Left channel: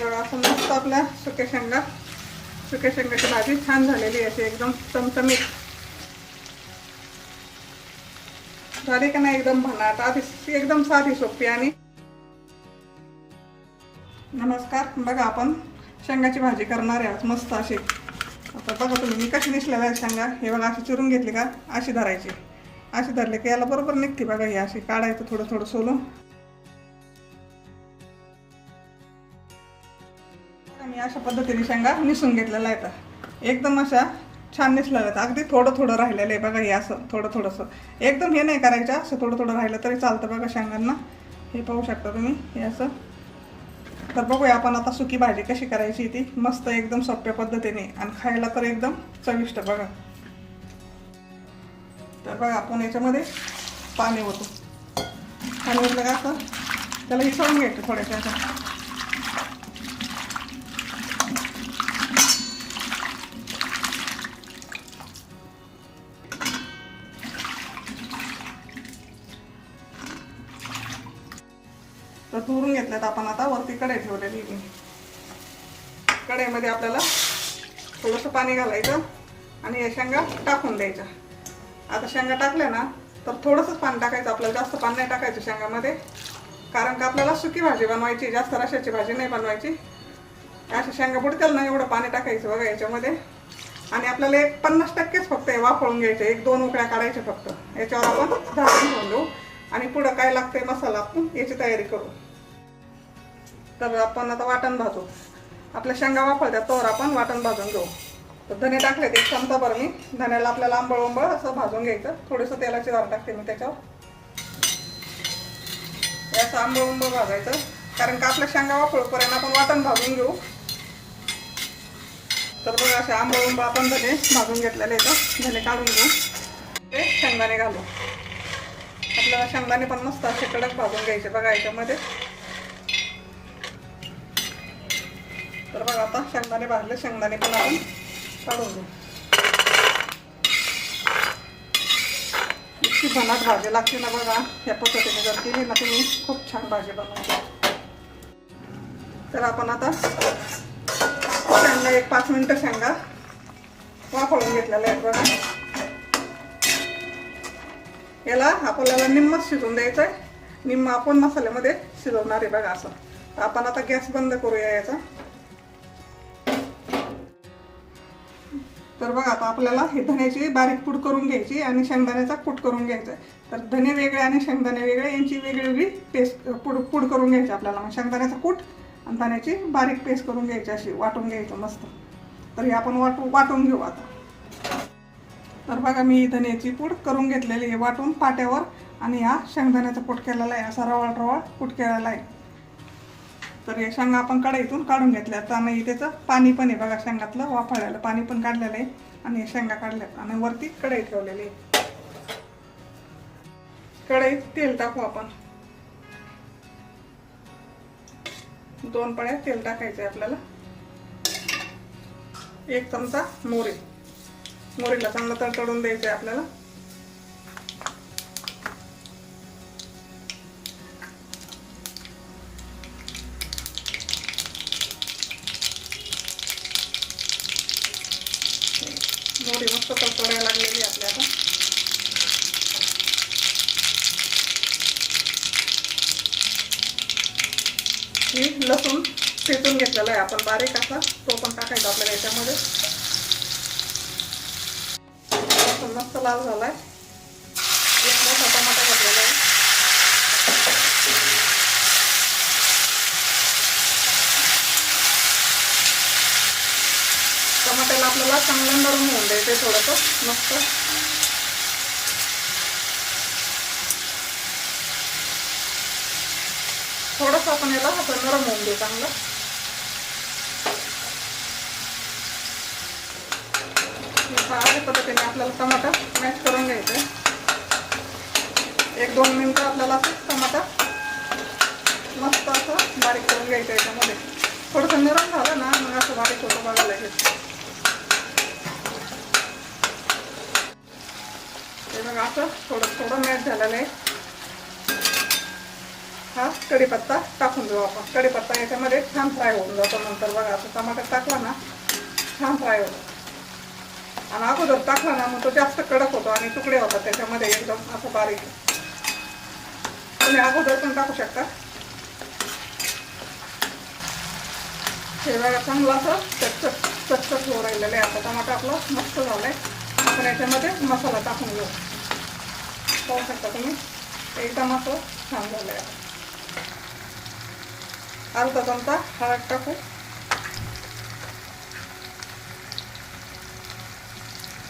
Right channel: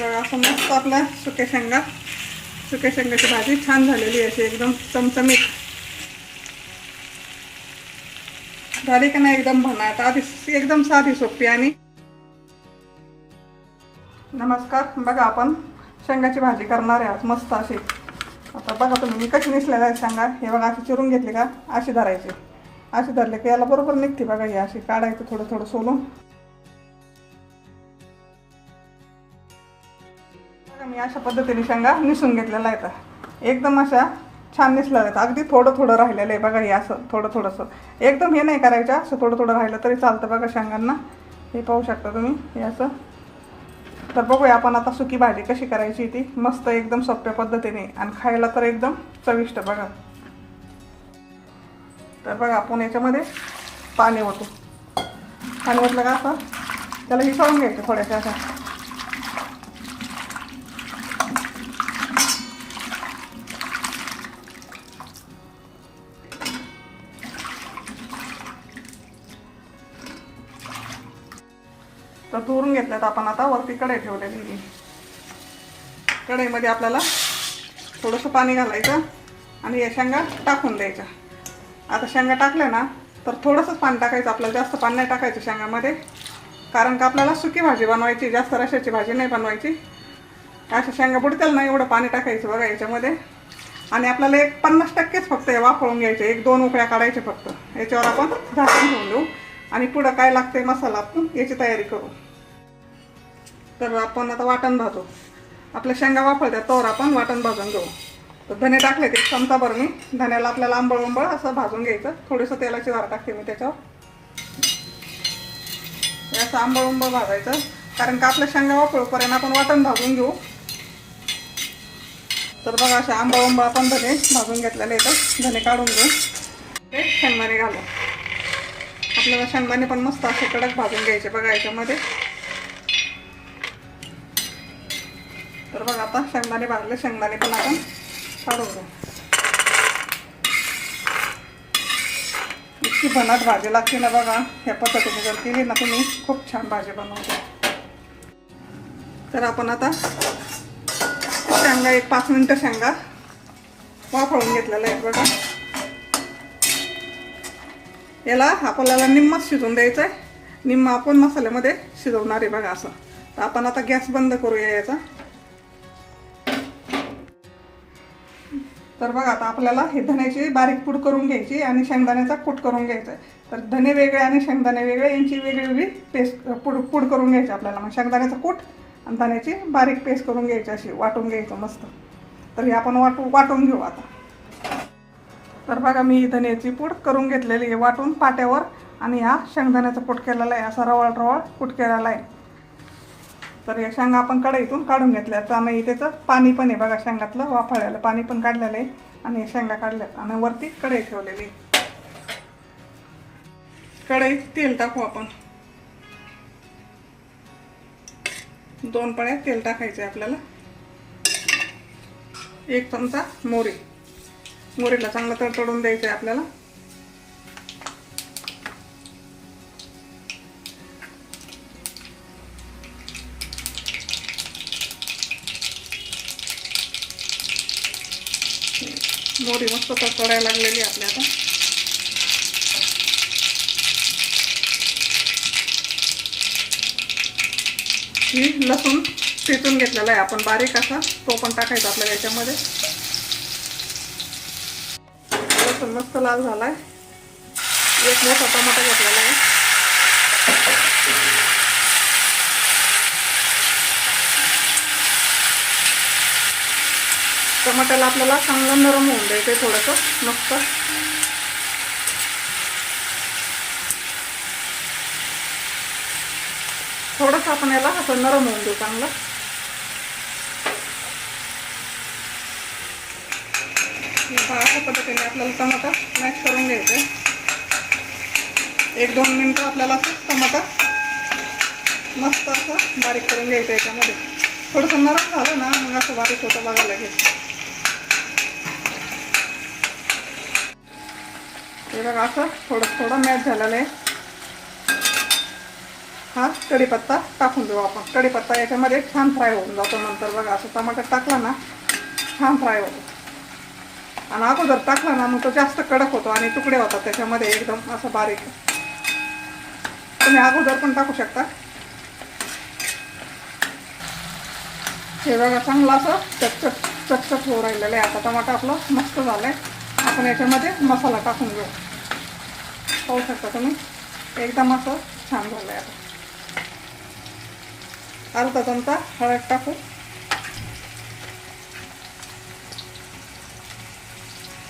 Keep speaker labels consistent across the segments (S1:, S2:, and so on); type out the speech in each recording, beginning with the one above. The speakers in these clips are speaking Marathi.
S1: बघा असं मस्त आपल्या सुक्या शेंगा. सुक्या शेंगाची भाजी छान झालेली आहे अशी एकदम चमचमीत. झाली का नाही एकदम भन्नाट आधी एकदम साधी सोपी आणि नमस्कार. बघा आपण शेंगाची भाजी करणार आहे आज मस्त अशी. आता बघा तुम्ही मी कशी निसलेला शेंगा? हे बघा अशी चिरून घेतली का? अशी धरायची. अशी धरले की याला बरोबर निघते बघा ही अशी. काढायचं थोडं थोडं सोलून. मी अशा पद्धतीने शेंगा निसून घेतलेला आहेत. एकदम अशा छान निसल्या आहेत. अगदी थोडं थोडं राहिलेलं आहे बघा हे असं थोडं थोडंसं. एकदम हे नाही करायचं असं थोडं थोडं राहिलं तरी चालतं बघा शेंगांना. हे पाहू शकता तुम्ही हे असं. तर बघूया आपण आता सुकी भाजी कशी करायची ती. मस्त एकदम सोप्या पद्धतीने आणि खायला तर एकदम चविष्ट बघा. तर बघा आपण याच्यामध्ये पाणी ओतू. पाणी ओतलं का असं? त्याला हिसळून घ्यायचं थोड्याशा अशा. तर धुवून घेतल्यात आपण आता वरती कढई ठेवलेली आहे. कढईमध्ये आपल्याला थोडंसं पाणी घालायचं आणि या शेंगा टाकून द्यायच्या. आता शेंगा टाकल्या ना तर थोडंसंच पाणी टाकायचं आपल्याला जास्त पाणी नाही टाकायचं शेंगामध्ये. कारण का आपल्याला सुकी भाजी बनवायची जास्त रशाची भाजी नाही बनवायची. अशा शेंगा बुडतील ना एवढं पाणी टाकायचं बघा याच्यामध्ये. आणि आपल्याला एक पन्नास टक्केच फक्त हे वाफळून घ्यायचे एक दोन उकळ्या काढायचे फक्त. याच्यावर आपण झाकण घेऊन देऊ. आणि पुढं काय लागतंय मसाला आपण याची तयारी करू. तर आपण आता वाटण भाजू. आपल्या शेंगा वापरत्या तोवर आपण वाटण भाजून घेऊ. तर धने टाकले ते चमचा बरं मी. धन्याला आपल्याला आंबळ उंबळ असं भाजून घ्यायचं. थोडंसं तेलाची वार टाकते मी त्याच्यावर. असं आंबळ उंबळ भाजायचं. कारण का आपल्या शेंगा वापरूपर्यंत आपण वाटण भाजून घेऊ. तर बघा असे आंबळ उंबळ आपण धने भाजून घेतलेले तर धने काढून घेऊ. ते शेंगदाणे घालू. आपल्याला शेंगदाणे पण मस्त असे कडक भाजून घ्यायचे बघा याच्यामध्ये. तर बघा आता शेंगदाणे भाजले. शेंगदाणे पण आपण काढून घेऊ. इतकी भनात भाजी लागते ना बघा. ह्या पद्धतीने जर केली ना तुम्ही खूप छान भाजी बनवता. तर आपण आता शेंगा एक पाच मिनटं शेंगा वाफळून घेतलेला एक बघा. याला आपल्याला निम्मच शिजवून द्यायचं आहे निम्म आपण मसाल्यामध्ये शिजवणार आहे बघा असं. तर आपण आता गॅस बंद करूया याचा. तर बघा आता आपल्याला हे धण्याची बारीक पूड करून घ्यायची आणि शेंगदाण्याचा कूट करून घ्यायचा आहे. तर धने वेगळे आणि शेंगदाणे वेगळे यांची वेगळी वेगळी पेस्ट पूड पूड करून घ्यायची आपल्याला. मग शेंगदाण्याचा कूट आणि धण्याची बारीक पेस्ट करून घ्यायची अशी वाटून घ्यायचं मस्त. तर हे आपण वाटू वाटून घेऊ आता. तर बघा मी धण्याची पूड करून घेतलेली आहे वाटून पाट्यावर आणि हा शेंगदाण्याचा कूट केलेला आहे असा रवाळ रवाळ कूट केलेला आहे. तर या शेंगा आपण कढईतून काढून घेतल्या. आणि त्याचं पाणी पण आहे बघा शेंगातलं वाफळलेलं पाणी पण काढलेलं आहे. आणि या शेंगा काढल्यात आणि वरती कढई ठेवलेली आहे. कढईत तेल टाकू आपण. दोन पळ्या तेल टाकायचे आपल्याला. एक चमचा मोरी मोरीला चांगलं तडतडून द्यायचं आहे आपल्याला. मोरी मस्त तडतडायला लागलेली आपल्या आता. ही लसूण ठेचून घेतलेला आहे. आपण बारीक असा तो पण टाकायचा आपल्याला याच्यामध्ये. लसूण मस्त लाल झालाय. एक मोठा टमाटा घेतलेला आहे टमाट्याला आपल्याला चांगलं नरम होऊन द्यायचं थोडंसं मस्त. थोडंसं आपण याला असं नरम होऊन देऊ चांगलं. अशा पद्धतीने आपल्याला टमाटा मॅश करून घ्यायचं. एक दोन मिनटं आपल्याला असं टमाटा मस्त असं बारीक करून घ्यायचं याच्यामध्ये. थोडंसं नरम झालं ना मग असं बारीक होतं बघायला घ्यायचं हे बघा असं थोडं थोडं मॅच झालेलं आहे. हा कढीपत्ता टाकून देऊ आपण. कढीपत्ता याच्यामध्ये छान फ्राय होऊन जातो नंतर बघा असं टमाटर टाकला ना छान फ्राय होतो. आणि अगोदर टाकला ना मग तो जास्त कडक होतो आणि तुकडे होतात त्याच्यामध्ये एकदम असं बारीक. तुम्ही अगोदर पण टाकू शकता. हे बघा चांगलं असं चटचट चटचट होऊ राहिलेलं आहे. आता टमाटर आपलं मस्त झालं आहे आपण याच्यामध्ये मसाला टाकून घेऊ. पाहू शकता तुम्ही? एकदम असं छान झालं आहे अर्धा चमचा हळद टाकू.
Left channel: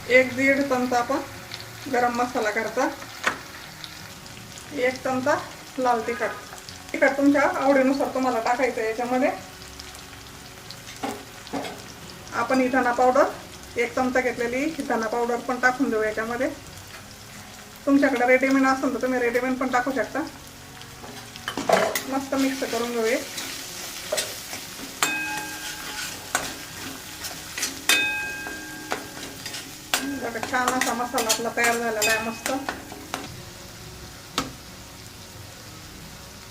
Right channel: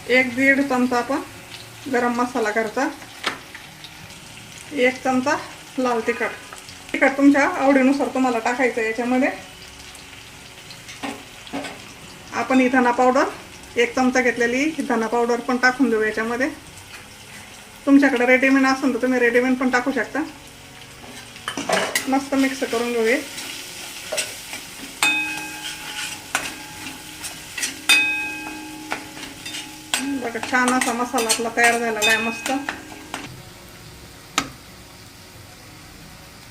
S1: एक दीड चमचा आपण गरम मसाला घरचा. एक चमचा लाल तिखट. तिखट तुमच्या आवडीनुसार तुम्हाला टाकायचं याच्यामध्ये. आपण ही पावडर एक चमचा घेतलेली धना पावडर पण टाकून देऊ याच्यामध्ये. तुमच्याकडे रेडीमेड असेल तर तुम्ही रेडीमेड पण टाकू शकता. मस्त मिक्स करून घेऊ बघा छान असा मसाला आपला तयार झालेला आहे मस्त.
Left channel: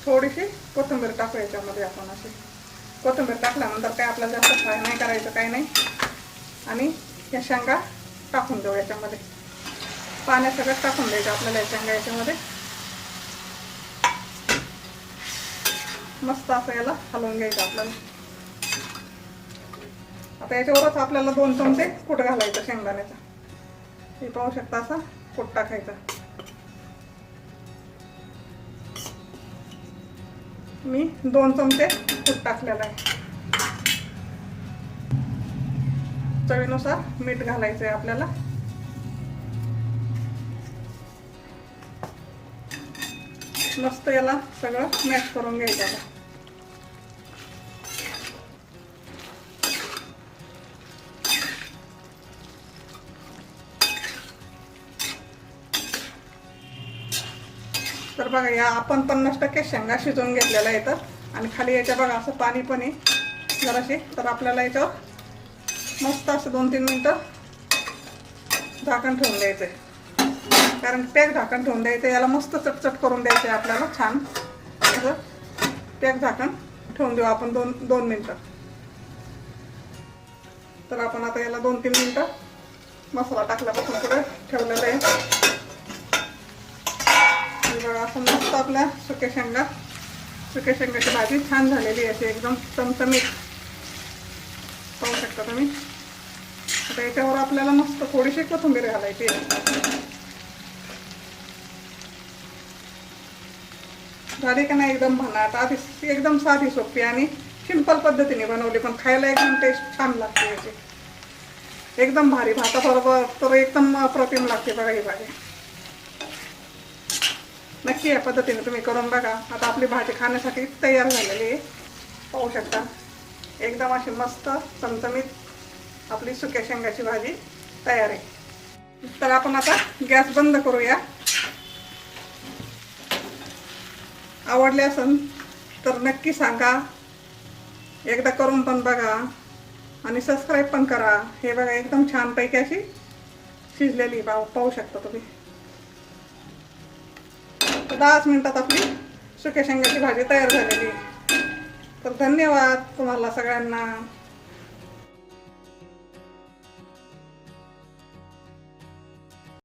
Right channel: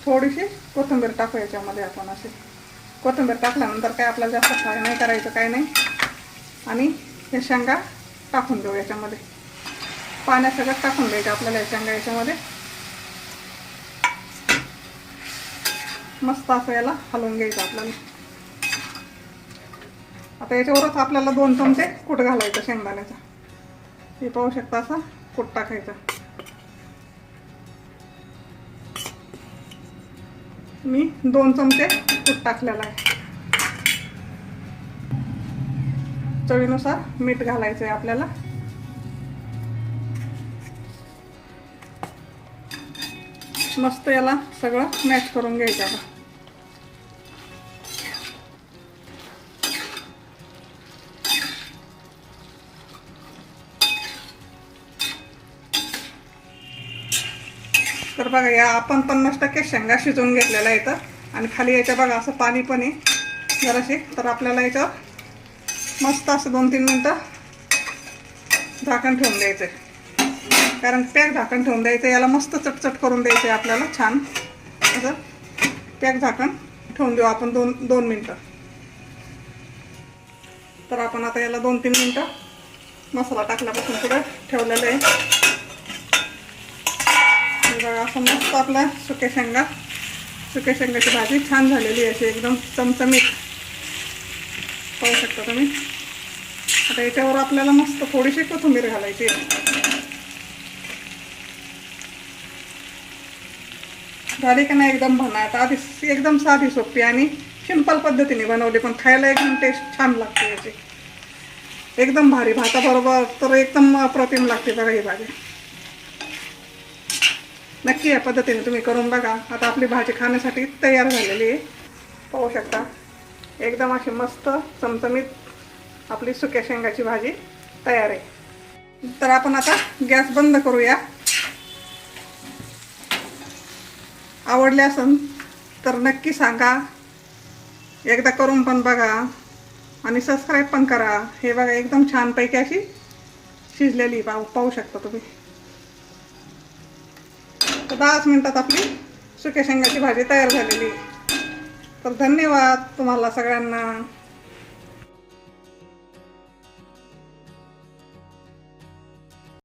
S1: थोडीशी कोथिंबीर टाकू याच्यामध्ये आपण अशी. कोथिंबीर टाकल्यानंतर काय आपल्याला जास्त फ्राय नाही करायचं काय नाही. आणि या शेंगा टाकून देऊ याच्यामध्ये. पाण्यात सगळं टाकून द्यायचं आपल्याला या शेंगा याच्यामध्ये. मस्त असं याला हलवून घ्यायचं आपल्याला. आता याच्यावरच आपल्याला दोन चमचे कूट घालायचं शेंगदाण्याचा. हे पाहू शकता असा कूट टाकायचा. मी दोन चमचे तूप टाकलेला आहे. चवीनुसार मीठ घालायचं आहे आपल्याला. मस्त याला सगळं मॅच करून घ्यायचं आहे. तर बघा या आपण पन्नास टक्के शेंगा शिजवून घेतलेल्या आहे इथं आणि खाली याच्या बघा असं पाणी पण आहे. जराशी. तर आपल्याला याच्यावर मस्त असं दोन तीन मिनटं झाकण ठेवून द्यायचं. आहे कारण पॅक झाकण ठेवून द्यायचं याला मस्त चटचट करून द्यायचं आहे आपल्याला छान. असं पॅक झाकण ठेवून देऊ आपण दोन दोन मिनटं. तर आपण आता याला दोन तीन मिनटं मसाला टाकल्यापासून सगळं ठेवलेलं आहे. बघा असं मस्त आपल्या सुक्या शेंगा सुक्या शेंगाची भाजी छान झालेली आहे एकदम चमचमीत. पाहू शकता तुम्ही. आता याच्यावर आपल्याला मस्त थोडीशी कोथिंबीर घालायची झाली का नाही एकदम भन्नाट आधी एकदम साधी सोपी आणि सिंपल पद्धतीने बनवली पण खायला एकदम टेस्ट छान लागते याची. एकदम भारी. भाताबरोबर तर एकदम अप्रतिम लागते बघा ही भाजी. नक्की या पद्धतीने तुम्ही करून बघा. आता आपली भाजी खाण्यासाठी तयार झालेली आहे. पाहू शकता. एकदम अशी मस्त चमचमीत आपली सुक्या शेंगाची भाजी तयार आहे. तर आपण आता गॅस बंद करूया. आवडले असेल तर नक्की सांगा. एकदा करून पण बघा आणि सबस्क्राईब पण करा. हे बघा एकदम छानपैकी अशी शिजलेली पाहू पाहू शकता तुम्ही. तर दहाच मिनटात आपली सुक्या शेंगाची भाजी तयार झालेली आहे. तर धन्यवाद तुम्हाला सगळ्यांना.